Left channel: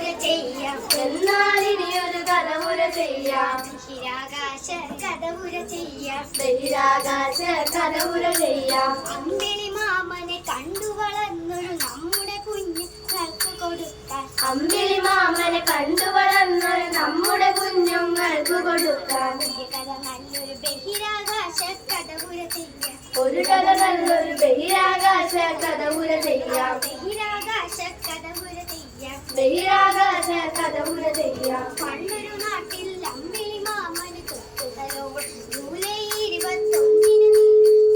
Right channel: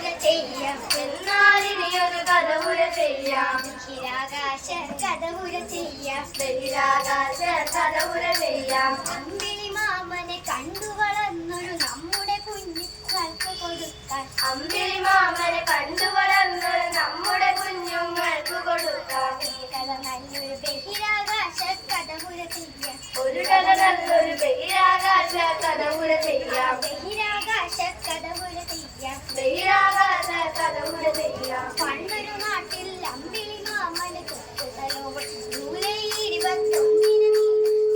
കഥപുര ചെയ്യാം, എന്നാലിനിയൊരു കഥപുര ചെയ്യാം. ബഹിരാകാശ കഥപുര ചെയ്യാം, ബഹിരാകാശ കഥപുര ചെയ്യാം. അമ്പിളി മാമനെ കണ്ടു വളർന്നൊരു നമ്മുടെ കുഞ്ഞുങ്ങൾക്ക് കൊടുക്കാം, അമ്പിളി മാമനെ കണ്ടു വളർന്നൊരു നമ്മുടെ കുഞ്ഞുങ്ങൾക്ക് കൊടുക്കാം. ഒരു കഥ നല്ലൊരു ബഹിരാകാശ കഥപുര ചെയ്യാം, ഒരു കഥ നല്ലൊരു ബഹിരാകാശ കഥപുര ചെയ്യാം. ബഹിരാകാശ കഥപുര ചെയ്യാം, ബഹിരാകാശ കഥപുര ചെയ്യാം. പണ്ടൊരു നാട്ടിൽ അമ്പിളി മാമന് തൊട്ടുതലോട് ജൂലൈ 21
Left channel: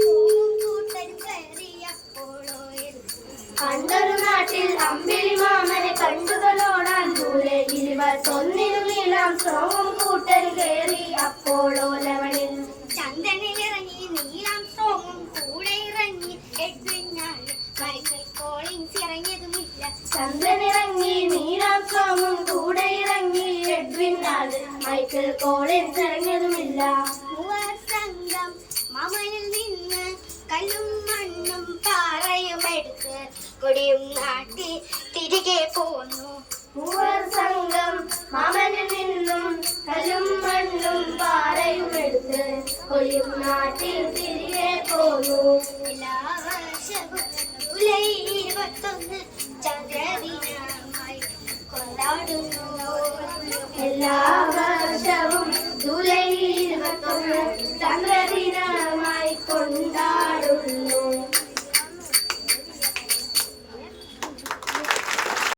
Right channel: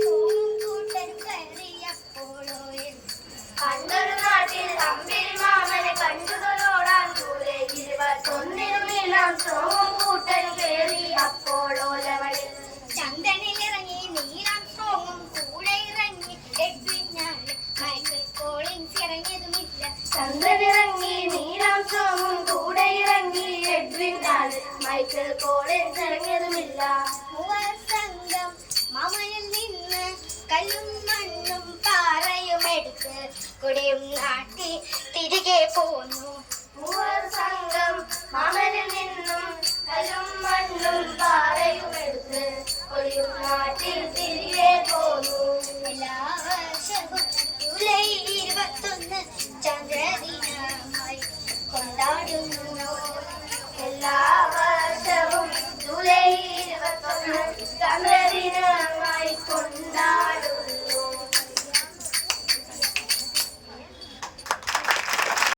സോമും കൂട്ടരും കയറിയപ്പോളോയിൽ. പണ്ടൊരു നാട്ടിൽ അമ്പിളി മാമനെ കണ്ടുകളോടാൻ ജൂലൈ 21 നീളാം സോമും കൂട്ടൻ കയറി അപ്പോളോ ലെവലിൽ. ചന്ദ്രനിലിറങ്ങി നീലാം സ്ട്രോങ്ങും കൂടെ ഇറങ്ങി എഡ്വിനാണ്, മൈക്കൽ കോളിൻസ് ഇറങ്ങിയതുമില്ല. ചന്ദ്രനിറങ്ങി നീലാം സോമും കൂടെ ഇറങ്ങി എഡ്വിനാണ്, മൈക്കൽ കോളിൻസ് ഇറങ്ങിയതുമില്ല. മൂവർ സംഘം മാമനിൽ നിന്ന് കല്ലും മണ്ണും പാറയും എടുത്ത് കൊടിയും നാട്ടി തിരികെ പോന്നു. മൂവർ സംഘം മാമനിൽ നിന്നും കല്ലും മണ്ണും പാറയും എടുത്ത് കൊടിയും നാട്ടിൽ